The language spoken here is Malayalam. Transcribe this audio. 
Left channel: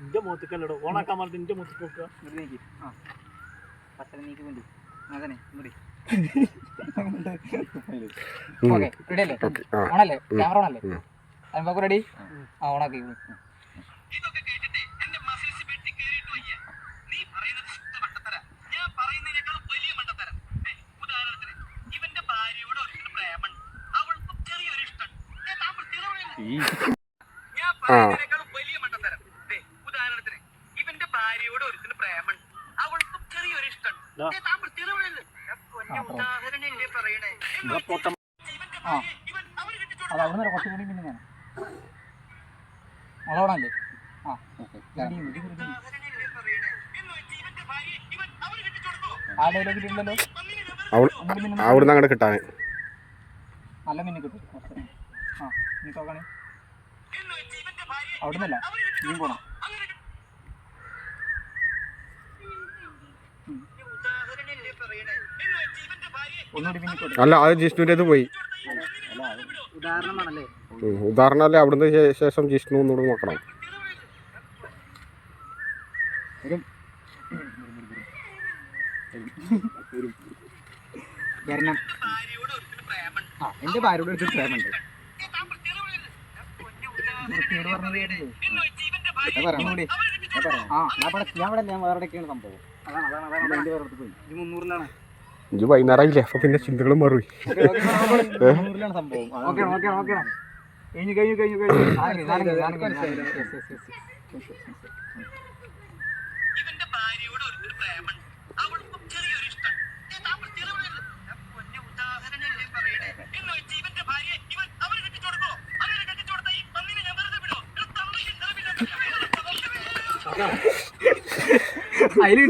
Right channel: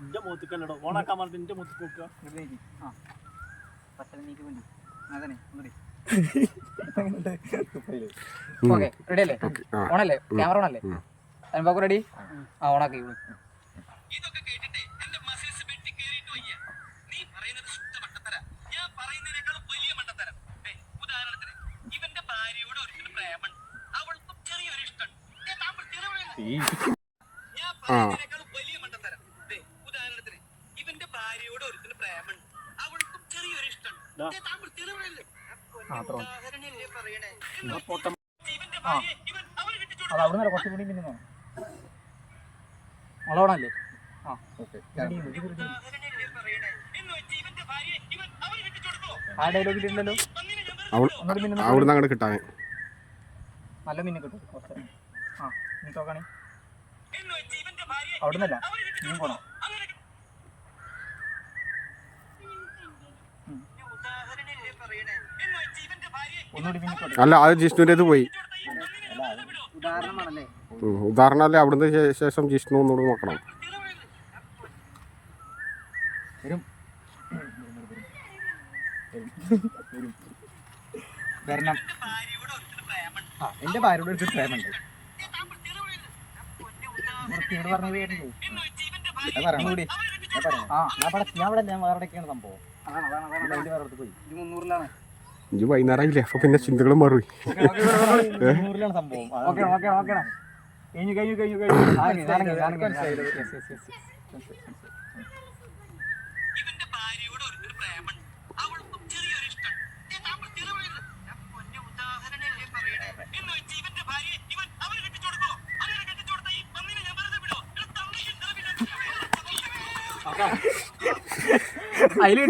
നിന്റെ മുഖത്തേക്കല്ലോ ഓണാക്കാൻ പറഞ്ഞിട്ട് നിന്റെ മുഖത്ത് നോക്കുക. ഓണല്ലേ ക്യാമറ ഓണല്ലേ റെഡി ആ ഓണാക്കി അതവിടെ കുറച്ചും കൂടി പിന്നെ അളവണല്ലേ ആ ഡയലോഗിലുണ്ടല്ലോ അവിടുന്ന് അങ്ങോട്ട് കിട്ടാൻ നല്ല മീൻ കിട്ടും. ആ നീ നോക്കണേ അവിടുന്നല്ല മീൻ പോണം. അല്ല അത് ജിഷ്ണുവിൻ്റെ പോയി ഉദാഹരണമല്ലേ. അവിടുന്ന് ശേഷം ജിഷ്ണു ഒന്നുകൂടി നോക്കണം. എന്റെ ഭാര്യയോട് ഒരു പ്രേമുണ്ട്. ഞാൻ വേറെയൊക്കെയാണ് സംഭവം. മുന്നൂറിലാണ് ഇത് വൈകുന്നേരമായില്ലേ, അപ്പൊ പിന്നെ ചിന്തകളും മാറി. സംഭവം അതിൽ